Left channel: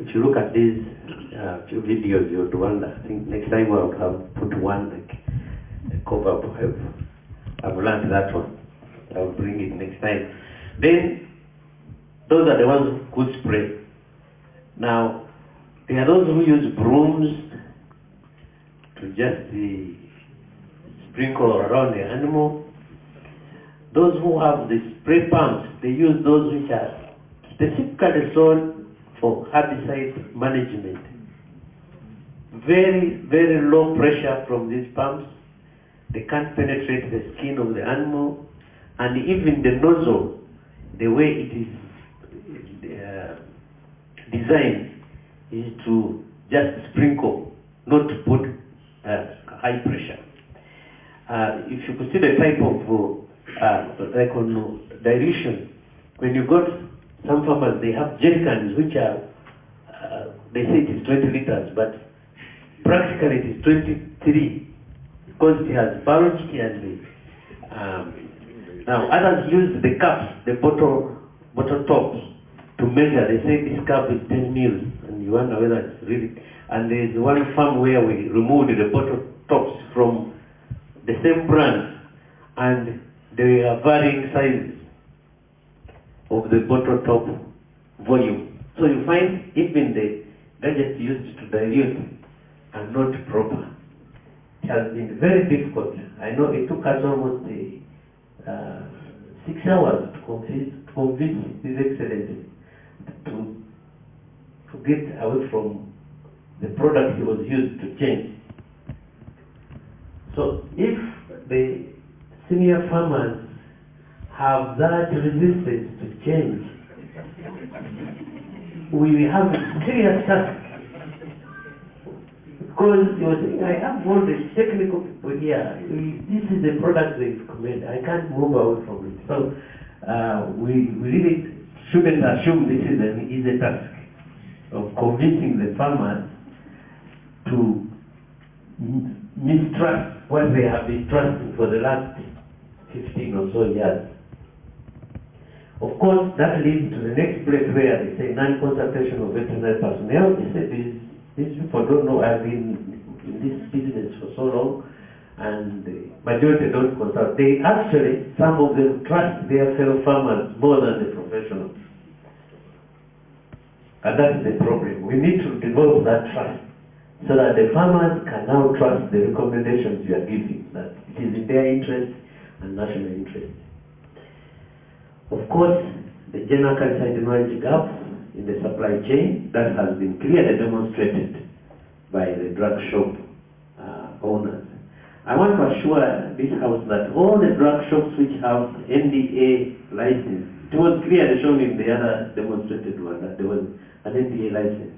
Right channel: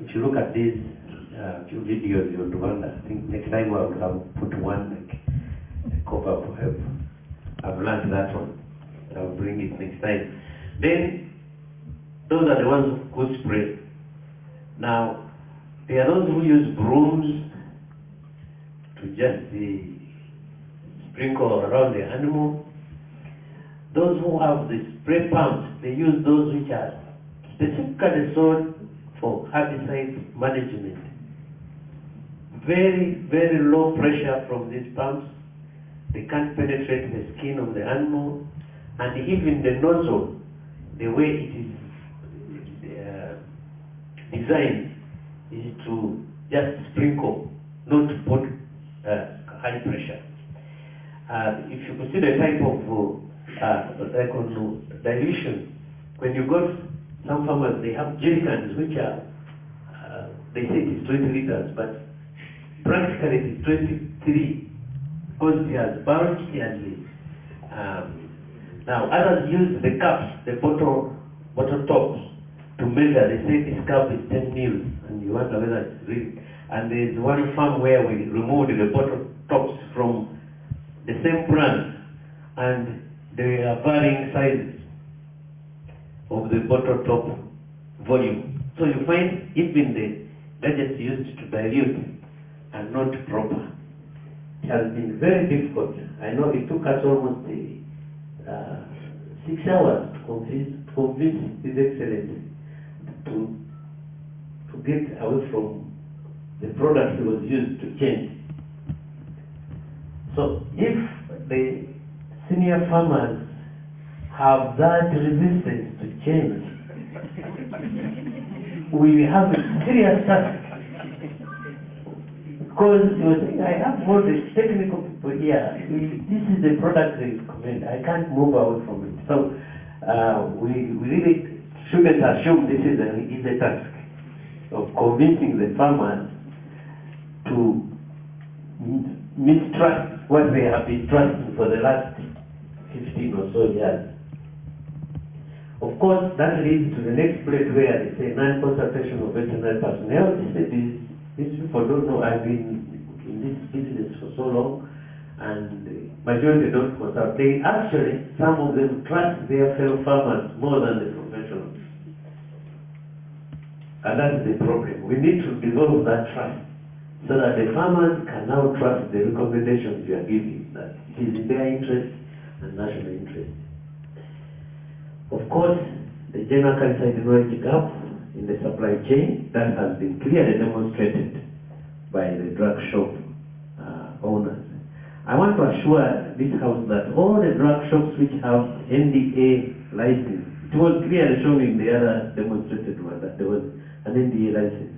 if you look at these few videos, you'll wonder. I think next time I would have put one like a cover up. I've learned that one. I'll bring it next time. Then, those are the ones who could spray. Now, there are those who use brooms to just sprinkle around the animal. Those who have the spray pumps, they use those which are specifically sold for herbicide management. Very, very low pressure from these pumps. They can't penetrate the skin of the animal, and even the nozzle, the way it is designed is to just sprinkle, not to put high pressure. If you consider the type of like on dilution, when you got some farmers, they have jerry cans which are, they say it is 20 liters, but practically it is 23 because it has bulge, it has the, now others use the cups, the bottle tops to measure. They say this cup is 10 mils, and you wonder whether it's really. And there's one farm where we removed the bottle tops from the same brand, and they are varying sizes of the bottle top volume. So you find even the gadgets used to dilute are not proper. It has been very difficult. I know it took us almost 6 hours to convince His Excellency to get away from the product he was used to change. So if the senior farmers have that resistance to change, we have a serious task. Because you were saying, I have all the technical people here. This is the product they recommend. I can't move away from it. So we really shouldn't assume this is an easy task of convincing the farmers to mistrust what they have been trusting for the last 15 or so years. Of course, that leads to the next place where they say non-consultation of veterinary personnel. They say these people don't know. I've been in this business for so long, and the majority don't consult. They actually, some of them trust their fellow farmers more than the professionals. And that's the problem. We need to develop that trust so that the farmers can now trust the recommendations you are giving, that it is in their interest and national interest. Of course, the general Acaricide knowledge gap in the supply chain, that has been clearly demonstrated by the drug shop owners. I want to assure this house that all the drug shops which have NDA license, it was clearly shown in the other demonstrated one that there was an NDA license.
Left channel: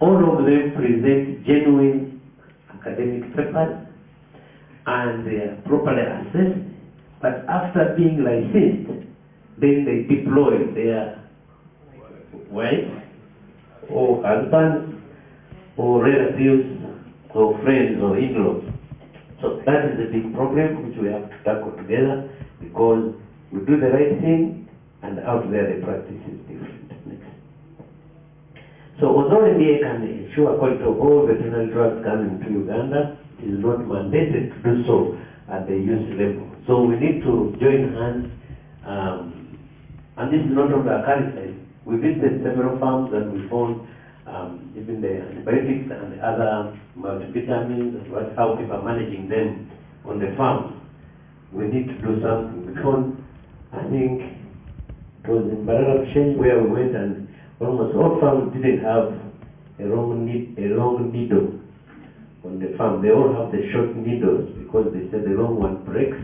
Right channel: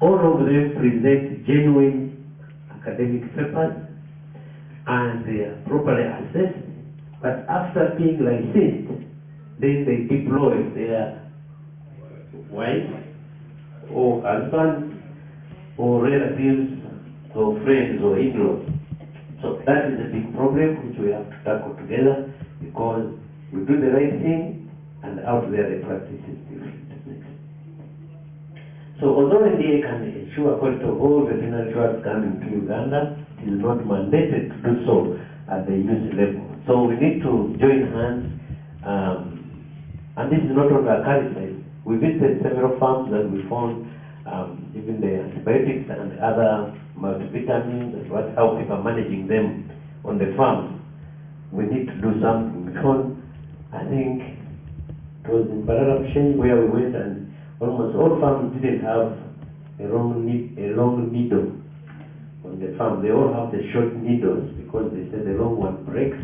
All of them present genuine academic papers and they are properly assessed, but after being licensed, then they deploy their wives or husbands or relatives or friends or in-laws. So that is a big problem which we have to tackle together, because we do the right thing and out there the practice is different. Next. So although India can ensure quality of all veterinary drugs coming to Uganda, it is not mandated to do so at the use level. So we need to join hands, and this is not only Acaricides. We visited several farms and we found even the antibiotics and other multivitamins and how people are managing them on the farm. We need to do something. We found, I think it was in Barara where we went, and almost all farms didn't have a long needle on the farm. They all have the short needles because they said the long one breaks.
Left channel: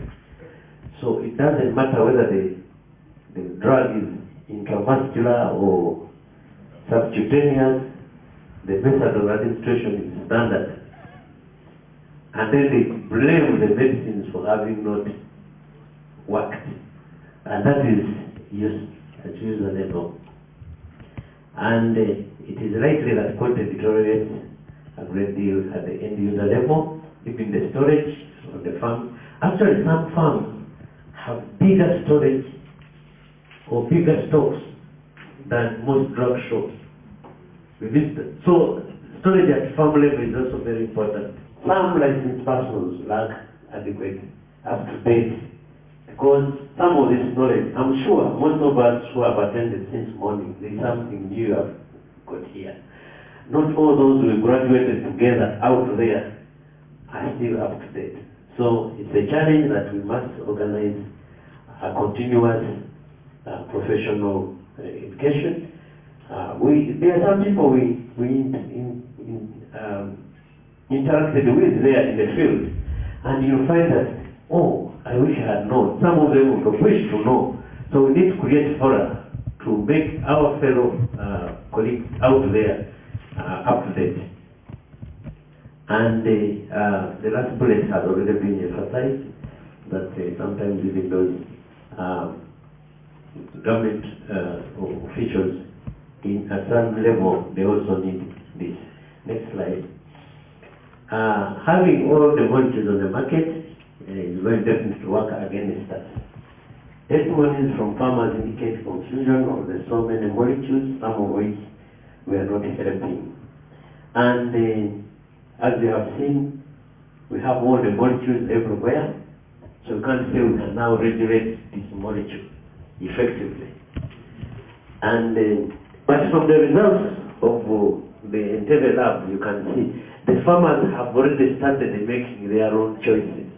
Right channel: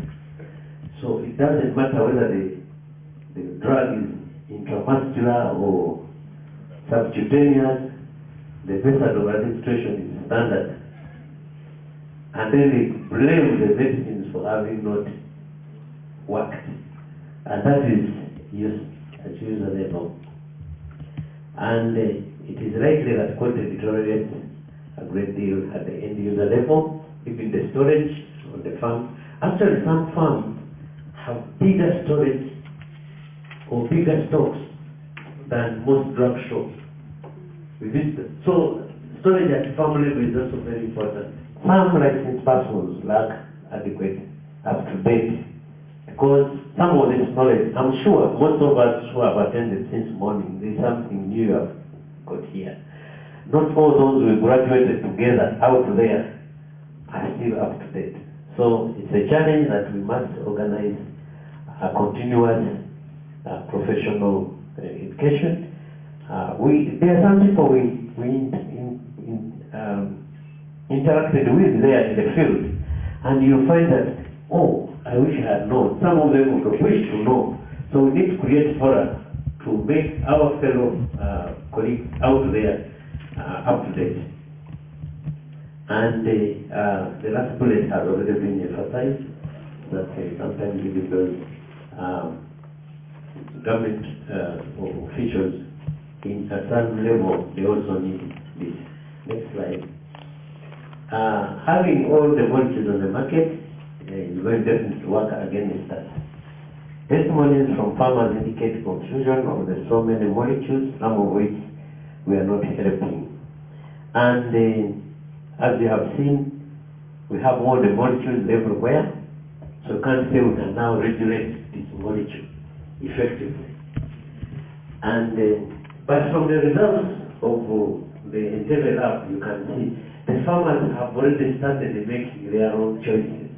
So it doesn't matter whether the drug is intramuscular or subcutaneous, the method of administration is standard. And then they blame the medicines for having not worked. And that is use at user level. And it is likely that quality deteriorates a great deal at the end user level, even the storage on the farm. Actually, some farms have bigger storage or bigger stocks than most drug shops. We visit. So storage at farm level is also very important. Some licensed persons lack adequate, up-to-date, because some of this knowledge, I'm sure most of us who have attended since morning, there's something new you have got here. Not all those who graduated together out there are still up to date. So it's a challenge that we must organize a continuous professional education. There are some people we interacted with there in the field, and you'll find that, oh, I wish I had known. Some of them would wish to know. So we need to create fora to make our fellow colleagues out there up to date. And the last bullet has already been emphasized, that sometimes even those government officials in a certain level, they also need this. Next slide. Having all the molecules on the market is very definitely to work against us. Testimonies from farmers indicate confusion of the so many molecules, some of which we are not helping. And as you have seen, we have all the molecules everywhere, so we can't say we can now regulate this molecule effectively. And but from the results of the Entebbe lab, you can see the farmers have already started making their own choices.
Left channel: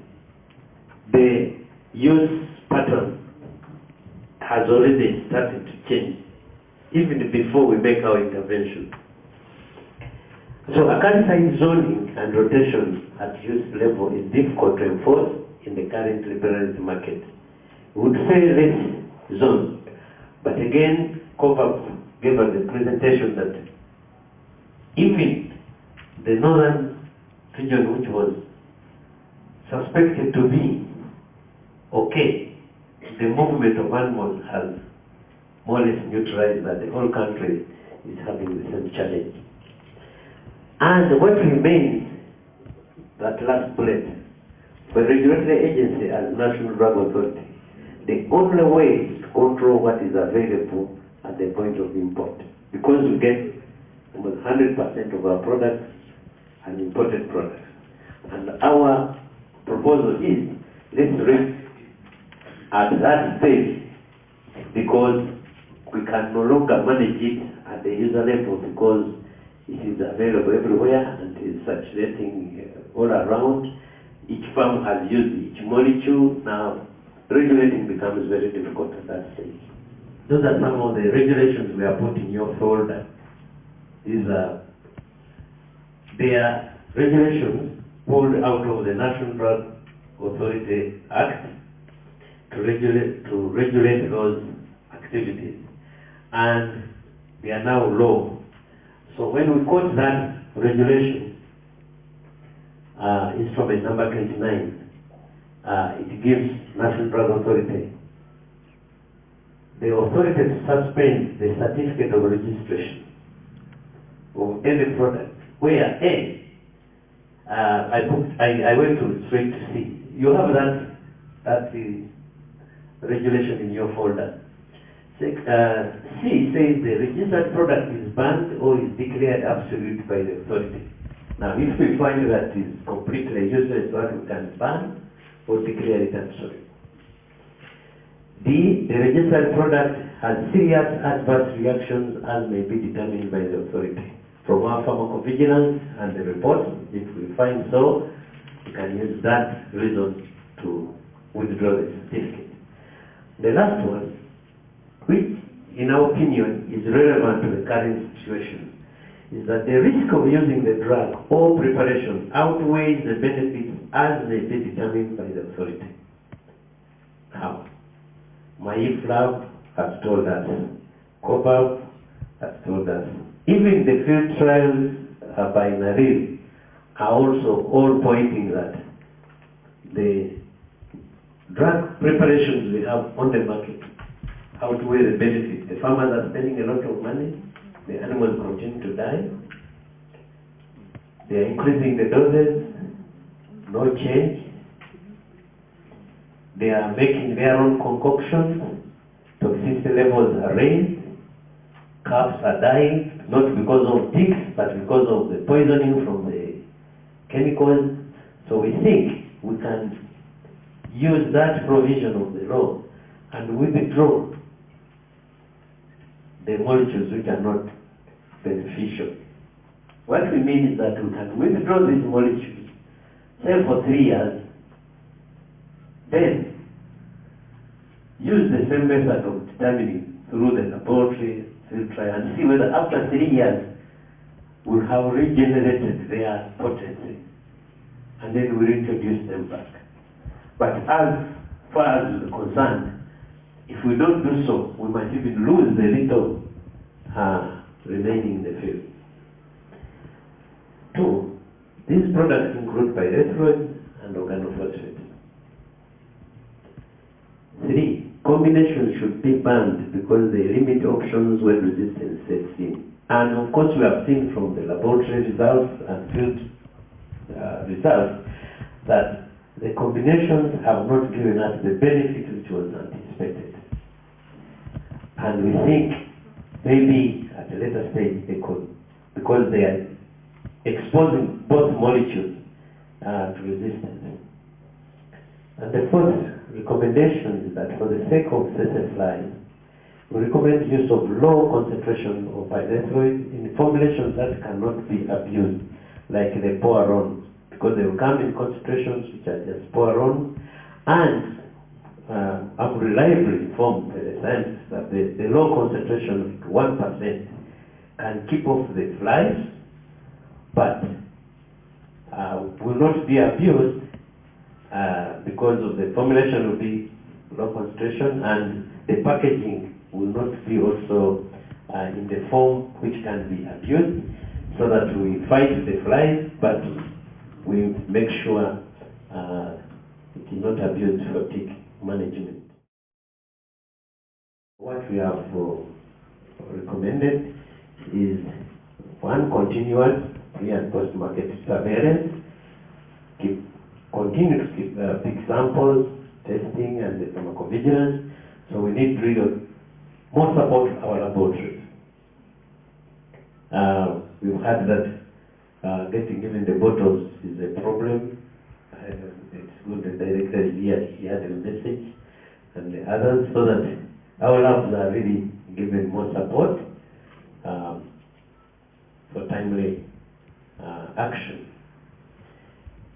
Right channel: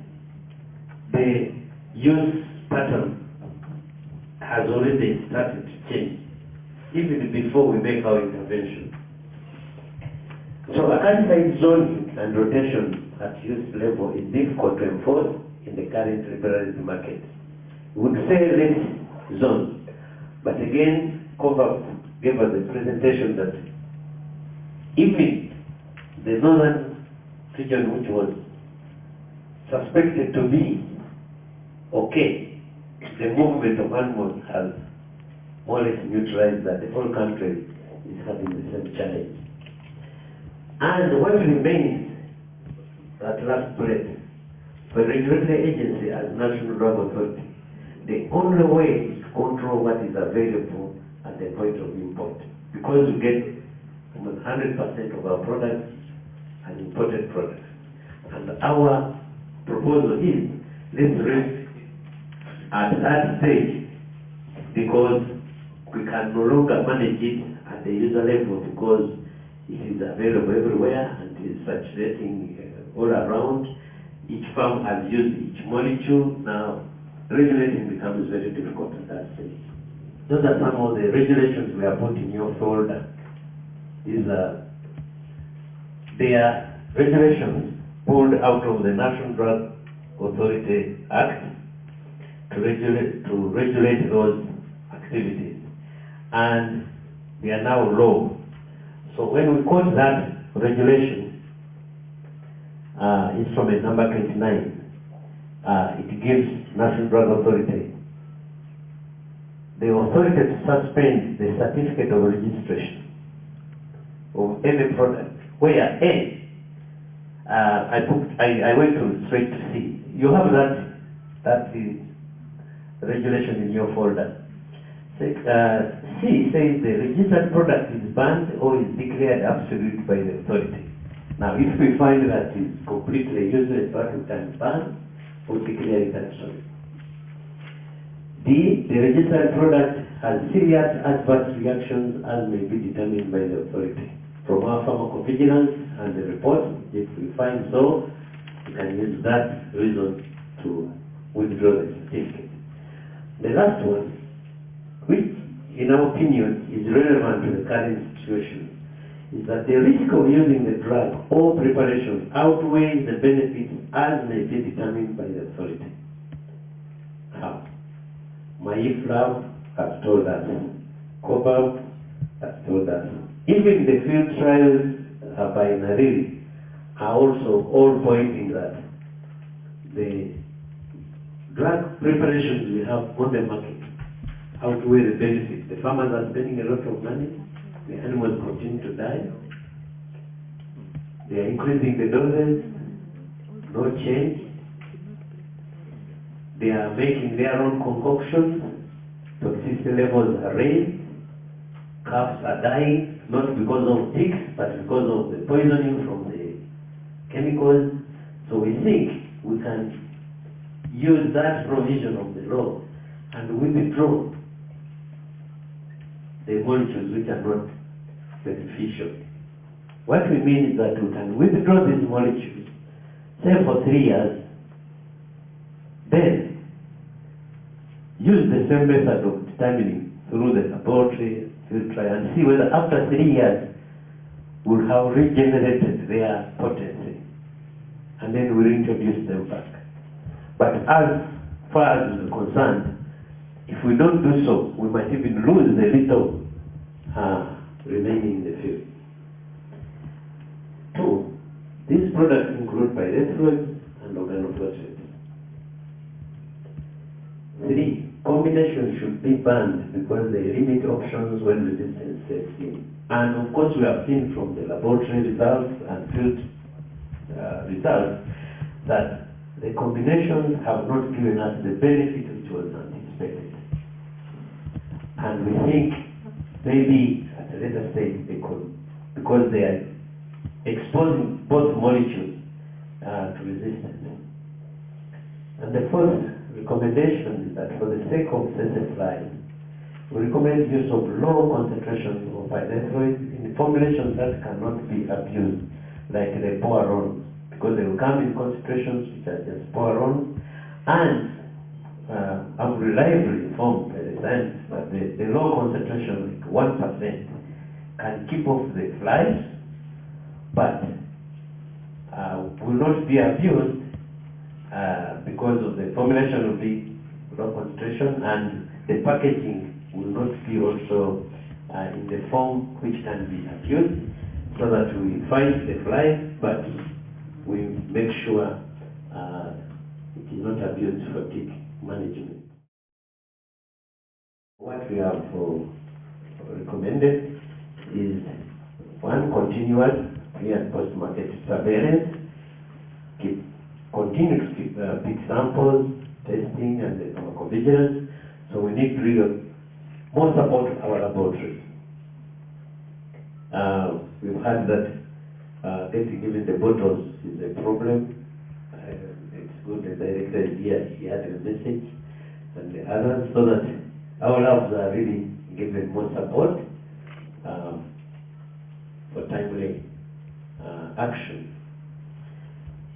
The use pattern has already started to change, even before we make our intervention. So acaricide zoning and rotation at use level is difficult to enforce in the current liberalized market. We would say this zone, but again, COVAP gave us a presentation that even the northern region, which was suspected to be okay, the movement of animals has more or less neutralized that the whole country is having the same challenge. And what remains, that last bullet, for the regulatory agency as National Drug Authority, the only way is to control what is available at the point of import. Because we get 100% of our products as imported products. And our proposal is, let's rest at that stage, because we can no longer manage it at the user level, because it is available everywhere and is circulating all around. Each farm has used each molecule. Now, regulating becomes very difficult at that stage. Those are some of the regulations we are putting in your folder. These are their regulations pulled out of the National Drug Authority Act to regulate those activities. And they are now law. So when we quote that regulation, it's from a number 29. It gives National Drug Authority the authority to suspend the certificate of registration of any product where A, I went to straight to C. You have that regulation in your folder. C says the registered product is banned or is declared absolute by the authority. Now, if we find that is completely useless, what we can ban or declare it absolute. D, the registered product has serious adverse reactions as may be determined by the authority. From our pharmacovigilance and the report, if we find so, we can use that reason to withdraw the certificate. The last one, which in our opinion is relevant to the current situation, is that the risk of using the drug or preparation outweighs the benefits as may be determined by the authority. Now, my lab has told us, COVAP has told us, even the field trials by Naril are also all pointing that the drug preparations we have on the market outweigh the benefits. The farmers are spending a lot of money, the animals continue to die, they are increasing the doses, no change, they are making their own concoctions, toxicity levels are raised, calves are dying, not because of ticks, but because of the poisoning from the chemicals. So we think we can use that provision of the law and withdraw the molecules which are not beneficial. What we mean is that we can withdraw these molecules, say for 3 years, then use the same method of determining through the laboratory, field trial, and see whether after 3 years we have regenerated their potency, and then we introduce them back. But as far as we're concerned, if we don't do so, we might even lose the little remaining in the field. 2, these products include pyrethroids and organophosphates. 3, combinations should be banned because they limit options when resistance sets in. And of course, we have seen from the laboratory results and field results that the combinations have not given us the benefit which was anticipated. And we think maybe at a later stage they could, because they are exposing both molecules to resistance. And the fourth recommendation is that for the sake of cessation flies, we recommend use of low concentration of pyrethroids in formulations that cannot be abused, like the poirons, because they will come in concentrations which are just poirons. And I'm reliably informed by the scientists that the low concentration, like 1%, can keep off the flies, but will not be abused because of the formulation will be low concentration, and the packaging will not be also in the form which can be abused, so that we fight the flies, but we make sure it is not abused for tick management. What we have recommended is 1, continuous pre- and post-market surveillance. Continue to keep big samples, testing, and the pharmacovigilance. So we need really more support to our laboratories. We've heard that getting even the bottles is a problem. It's good the director is here, he had a message, and the others, so that our labs are really given more support for timely action.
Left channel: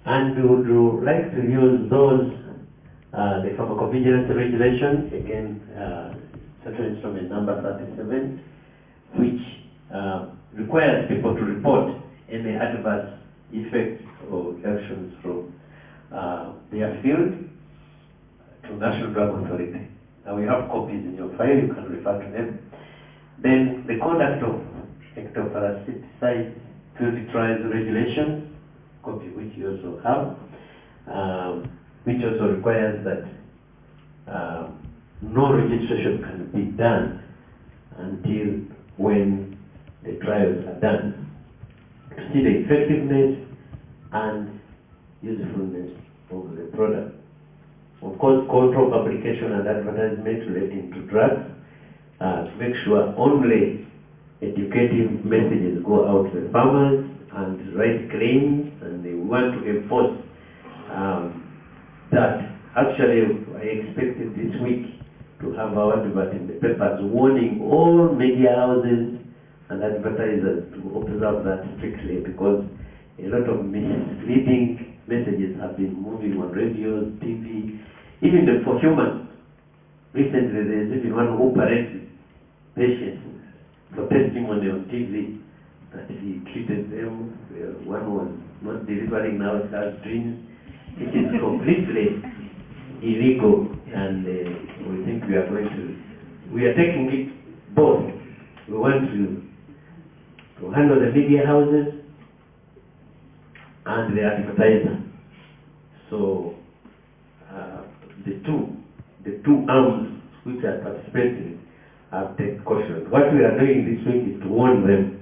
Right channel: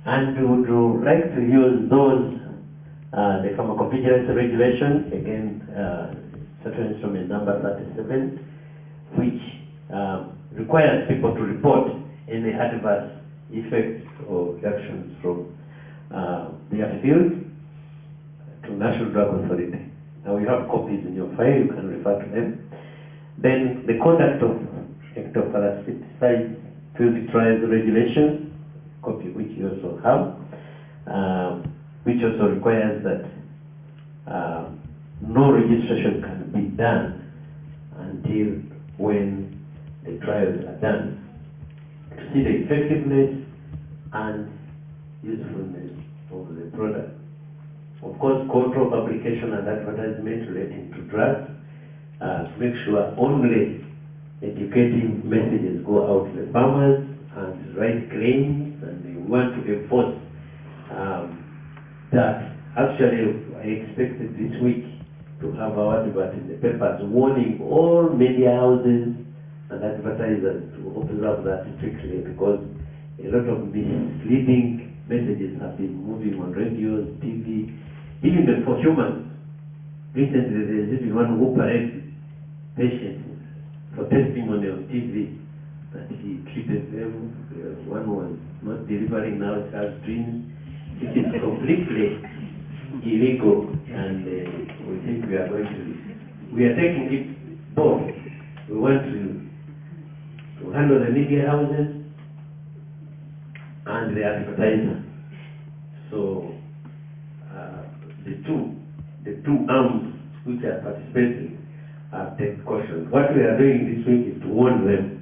And we would like to use those, the pharmacovigilance regulation, again, Central Instrument number 37, which requires people to report any adverse effects or reactions from their field to National Drug Authority. Now we have copies in your file, you can refer to them. Then the conduct of ectoparasiticide field trials regulation, copy which you also have, which also requires that no registration can be done until when the trials are done, to see the effectiveness and usefulness of the product. Of course, control publication and advertisement relating to drugs, make sure only educative messages go out to the farmers and write claims, and they want to enforce that. Actually, I expected this week to have our advert in the papers warning all media houses and advertisers to observe that strictly, because a lot of misleading messages have been moving on radio, TV, even for humans. Recently, there's even one who paraded patients for testimony on TV that he treated them. One was not delivering, now it has dreams. It is completely illegal, and we think we are taking it both. We want to handle the media houses and the advertisers. So the two arms which are participating have taken caution. What we are doing this week is to warn them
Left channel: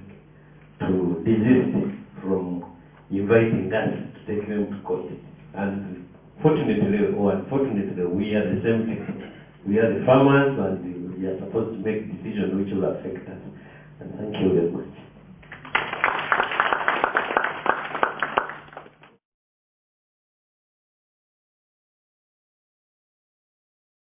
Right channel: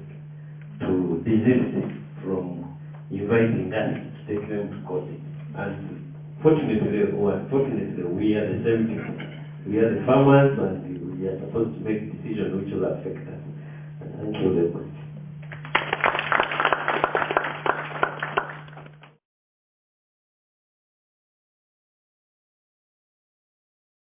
to desist from inviting us to take them to court. And fortunately or unfortunately, we are the same people. We are the farmers, and we are supposed to make decisions which will affect us. And thank you very much.